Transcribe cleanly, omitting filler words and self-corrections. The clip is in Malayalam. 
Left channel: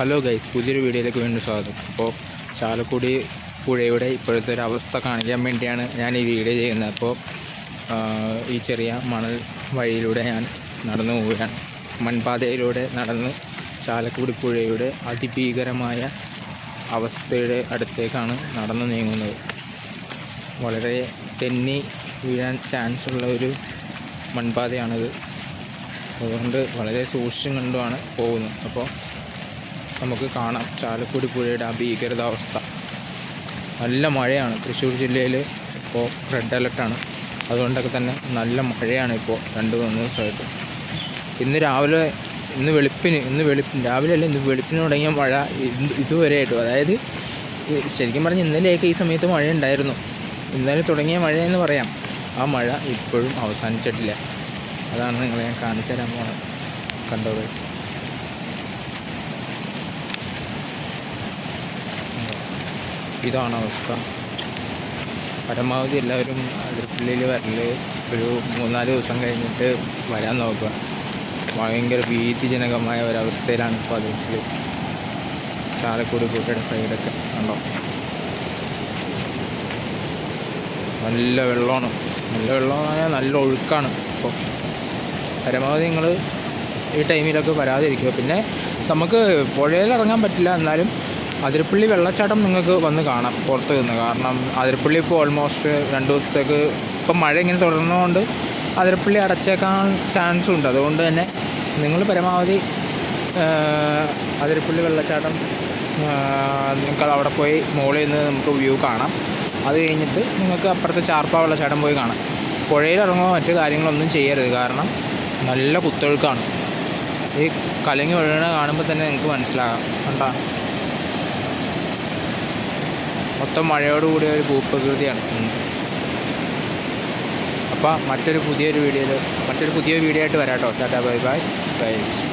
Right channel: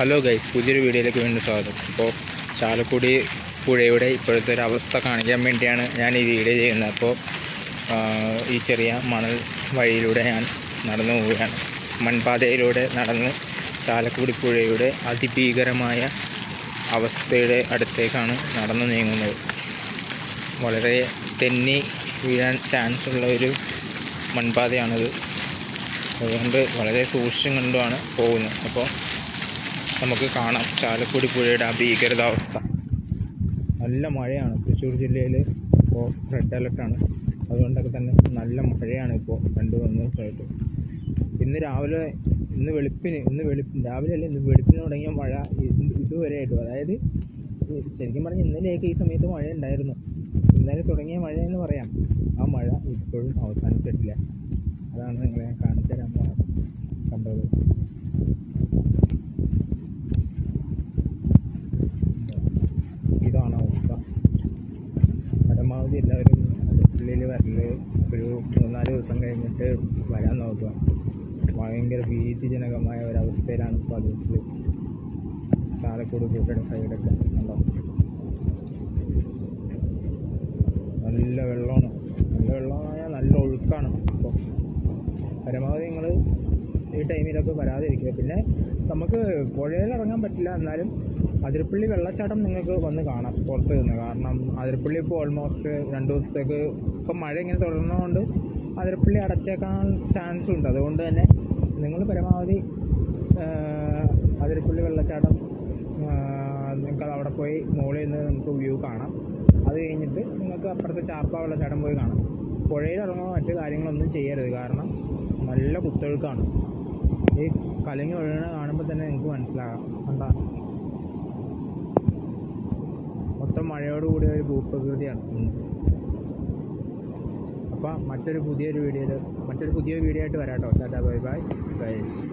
ഹലോ ഗൈസ്, പുതിയൊരു വീഡിയോയിലേക്ക് വീണ്ടും സ്വാഗതം. അപ്പോൾ ചാലക്കുടി പുഴയുടെ ഇപ്പോഴത്തെ ഒരു അവസ്ഥ കാണിക്കാൻ വേണ്ടിയാണ് ഞാൻ ഈ വീഡിയോ ചെയ്യുന്നത്. അപ്പോൾ ഈ ചെറിയ മണൽ വഴിയിലൂടെ ഞാൻ നടന്നു പോവുകയാണ്. മൺപാതയിലൂടെ നടന്ന് ചാലക്കുടി പുഴയുടെ അതിഭീകരമായ അവസ്ഥയുടെ അടുത്തേക്കാണ് നടന്നു നീങ്ങുന്നത്. വളരെ തെന്നി വീഴാൻ ചാൻസ് ഉള്ള ഒരു മൺപാതയാണിത്. അതുകൊണ്ട് വളരെ സൂക്ഷിച്ചും കണ്ടുമാണ് പോകുന്നത്. അപ്പോൾ നമുക്ക് കാണാം ചാലക്കുടി പുഴയുടെ ആ ഭീകരതാവസ്ഥ. നല്ല മഴയാണ്. തൃശ്ശൂർ ജില്ലയിൽ ഇപ്പോൾ റെഡ് അലർട്ടാണ്. അതുകൊണ്ടൊക്കെ തന്നെ നല്ല മഴയാണ് ഇപ്പോൾ 2-3 ദിവസമായിട്ട്. ഇന്ന് വെളുപ്പിന് തുടങ്ങിയ മഴ ഇതുവരെയായിട്ടും, അതായത് ശരിക്കും പറഞ്ഞാൽ ഇന്നലെയൊക്കെ ഈ സമയത്ത് മഴ ഉണ്ടായിരുന്നു. ഇന്നലെ തുടങ്ങിയ മഴയെന്ന് പറയാം. ആ മഴ ഇപ്പോഴും അവസാനിച്ചിട്ടില്ല. അതാണ് നിങ്ങളെ ഞാൻ കാണിച്ചു തരാൻ പോകുന്നത്. കണ്ടോ ഗൈസ്, ഇതാണ് അവസ്ഥ. പരമാവധി എല്ലാവരും അടുക്കളയിൽ വരല് ഒരു 3-4 ദിവസം കഴിഞ്ഞിട്ട് വരാൻ നോക്കുക. ഭയങ്കര ഭീതിജനകമായ ഒരവസ്ഥയിലാണ് ഇപ്പോൾ അതിൽ ചാലക്കുടി പുഴയുടെ സൈഡൊക്കെ കണ്ടോ. നല്ല വെള്ളമാണ്. നല്ല ഒഴുക്കാണ്. അപ്പോൾ പരമാവധി നിങ്ങൾ ഈ ടൈമിലൊക്കെ വരാതിരിക്കുക. പിന്നെ നമുക്ക് പുഴയിൽ ഇറങ്ങാൻ പറ്റില്ല, എന്നാലും അതിരപ്പള്ളി വെള്ളച്ചാട്ടം നിങ്ങൾക്ക് വന്ന് കാണാം പുറത്ത് നിന്ന്. കാരണം അതിരപ്പള്ളി ഇപ്പോൾ ഓൾമോസ്റ്റ് 2 ദിവസത്തേക്ക് ഇപ്പം മഴ ഇങ്ങനെ തുടർന്നുകൊണ്ട് അതിരപ്പള്ളി അടച്ചേക്കാൻ ചാൻസും ഉണ്ട്. അതുകൊണ്ട് തന്നെ നിങ്ങൾ പരമാവധി അതിരപ്പള്ളി വെള്ളച്ചാട്ടം നിങ്ങൾക്ക് അവിടെ പോയി മുകളിൽ നിന്ന് നമുക്ക് വ്യൂ കാണാം. അത് കഴിഞ്ഞിട്ട് നിങ്ങൾക്ക് അപ്പുറത്തെ ചാർപ്പ വെള്ളച്ചാട്ടം പോയി കാണാം. പുഴയിൽ ഇറങ്ങുമ്പോൾ മറ്റു കാര്യങ്ങളൊന്നും ചെയ്യരുത്. കാരണം നല്ല കുത്തൊഴുക്കാണ്. ഈ കലങ്ങി ഒഴുകണ കാണുമ്പോൾ തന്നെ നിങ്ങൾക്ക് മനസ്സിലാകാം. കണ്ടാ, മൊത്തം മഴയോടുകൂടിയ ഒരു ഭൂപ്രകൃതിയാണ്. അപ്പോൾ മറ്റൊരു പുതിയ വീഡിയോ ആയിട്ട് വരാം കേട്ടോ. Tata, bye bye guys.